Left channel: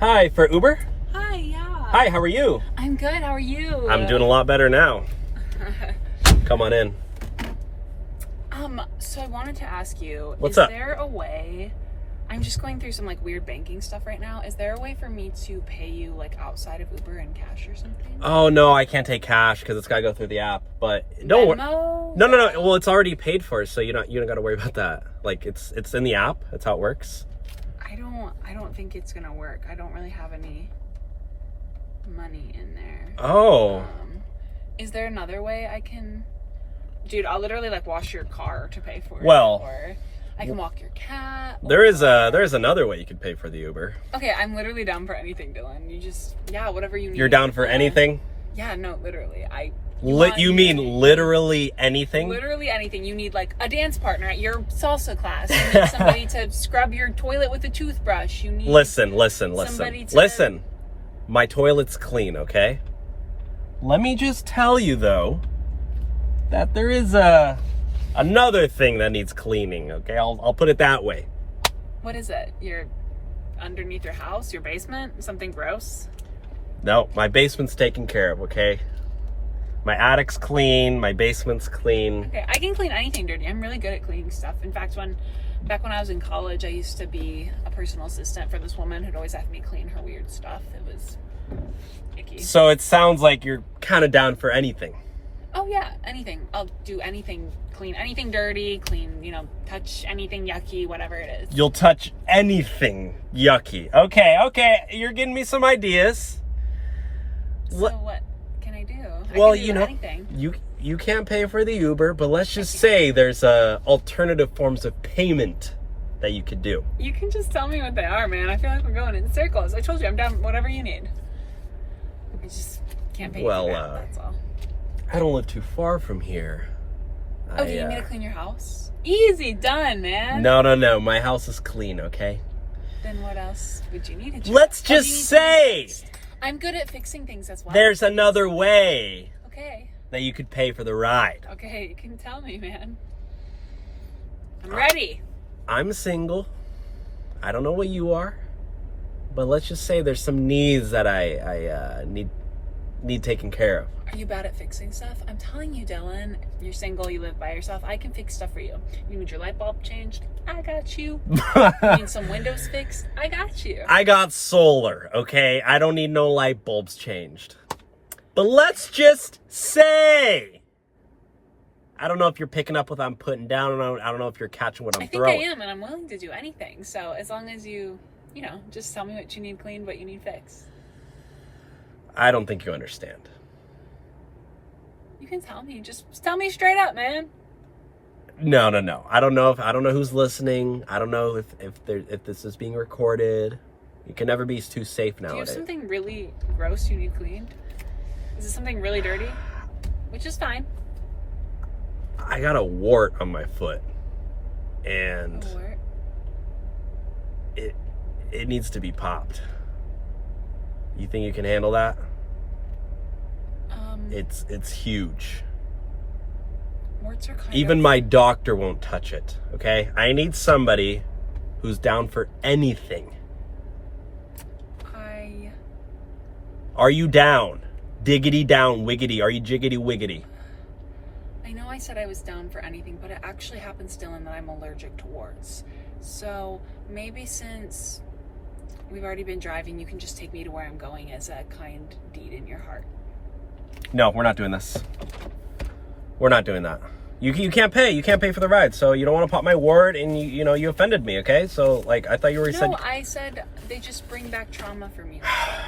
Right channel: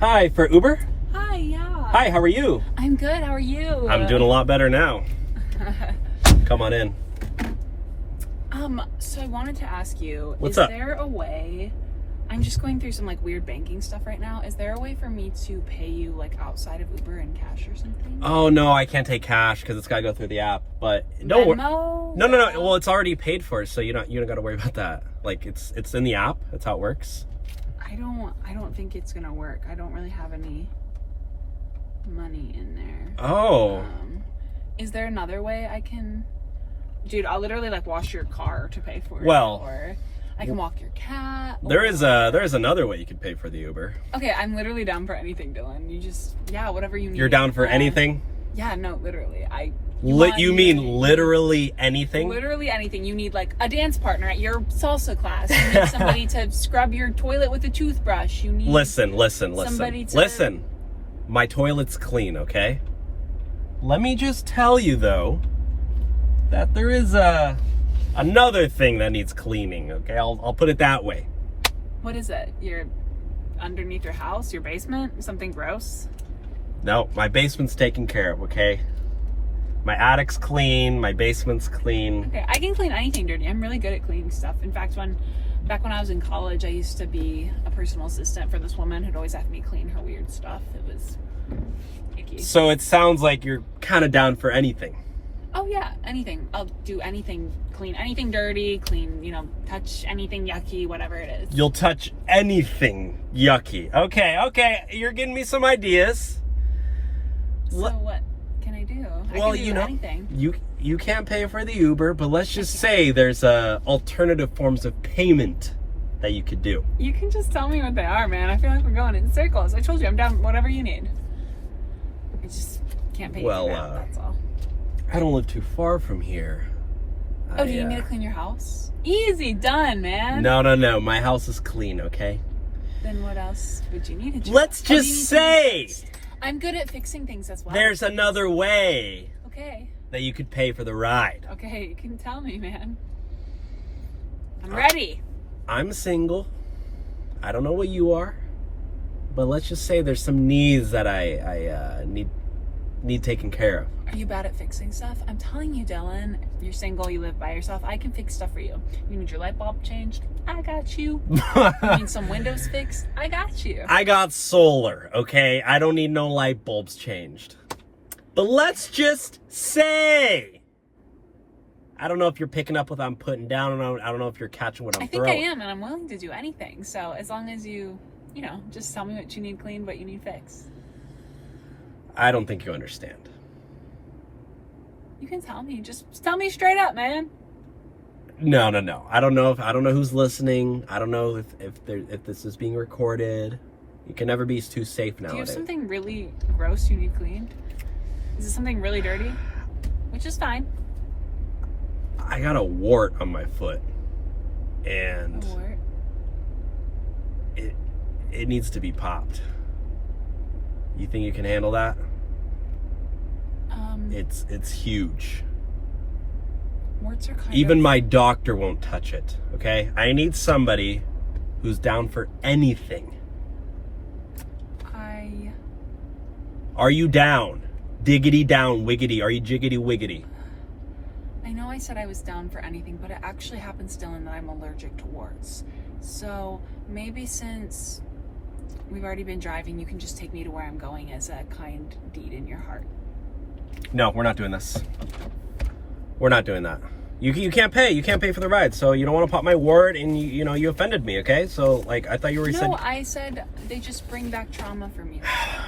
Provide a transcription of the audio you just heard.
Hi, for Uber? Hi, yeah. Hi, how are you? I'm good, how are you? I'm doing a lot better now. Come on in. So I wanted to ask you, What's is up? there a way, I'm just going through some like weird banking stuff right now. Is there a way for me to pay you like outside of Uber in cash or something? Oh no, I can't take cash because it's gotta go through the app. But don't worry. Venmo? No. Well, it's already paid for, so you don't gotta worry about that. Like it's in the app. That's how it works. I don't think it's gonna work. I don't really have any money in there. Oh. Is there another way I can? Dude, I'll literally like wash your car to pay for it. Well, or I can walk your cat. there is another way you could pay for the Uber. Okay, I'm literally down for anything, Dylan. You just, whatever you need. You're down for anything? Yeah, no, literally. You mean literally anything? Literally anything. You need like a dance partner at your salsa class. You need somebody to scrub your toilet with a toothbrush. You need Listen. somebody to... Listen. My toilet's clean, okay? Let me just tell you though that there is another thing that needs cleaning, okay? I'll put it that way. What is it? You're underneath your house, your basement? Something gross? No, my basement's taken care of, okay? My attic's clean, my basement's clean. Okay, I can clean anything dirty. I'm really good at cleaning stuff. In fact, back when I was in college, I used to be a personal assistant for this woman who'd always have me clean her weird stuff. It was icky. So it sounds like you're kind of down for anything. Oh yeah, anything. I'll do anything, clean anything dirty, clean, touch anything yucky, whatever it is. You'll touch anything yucky. Okay, you're getting me some ideas. So what can I do? Well, I can do anything. You can't pay for the Uber, but let's just say there's alternative forms of payment that you could do. You can just tell me what they are, man. I feel like we're going in circles. I told you I'm down whatever you need. I just can't pay you for that, that's all. I don't live too far from here. Oh, do you need me to clean your house? Easy, done, man. No. My house is clean, okay? Then what else would you need? Let's just say I'm good at fixing things as well. there's another way Okay. that you could pay for the ride. Okay, you can tell me, man. I'm ready. I'm single. I don't know what you are, but let's just say there's some needs that I need taken care of. Are you bad at fixing stuff? I'm telling you, Dylan, you're single, you live by yourself. I can fix stuff for you. You need your light bulb changed? I got you. You need some windows fixed? I got you. I got solar, okay? I don't need no light bulbs changed. But let's just say, I don't know if you're picking up what I'm putting down, and I don't know if you're catching what I'm throwing. I think I am, and I'm willing to do anything. So as long as you, just tell me what you need cleaned, what you need fixed. I don't think you understand. You can tell me. Just tell me straight up, man. No. I don't know who's listening. I don't know if this is being recorded. You can never be too safe nowadays. Do you have something really gross you need cleaned? Is it something really dirty? Which is fine. I got a wart on my foot, and A wart? it needs to be popped. You think you can handle that? It's huge. Warts are kind Even of... my doctor won't touch it, okay? I need somebody who's down for anything. Are you down? Diggity down, wiggity. Are you jiggity wiggity? I know I said I was down for anything, but it actually happens, Dylan, that I'm allergic to warts. So maybe since we've already been driving, you can just take me to where I'm going as a kind deed in your heart. No, we're not doing this. We're not doing that. You can't pay. You can't pay for the ride. So you don't want to pop my word, and you offended me, okay? So like I thought you were No, I said they just bring back trauma for me. That's all.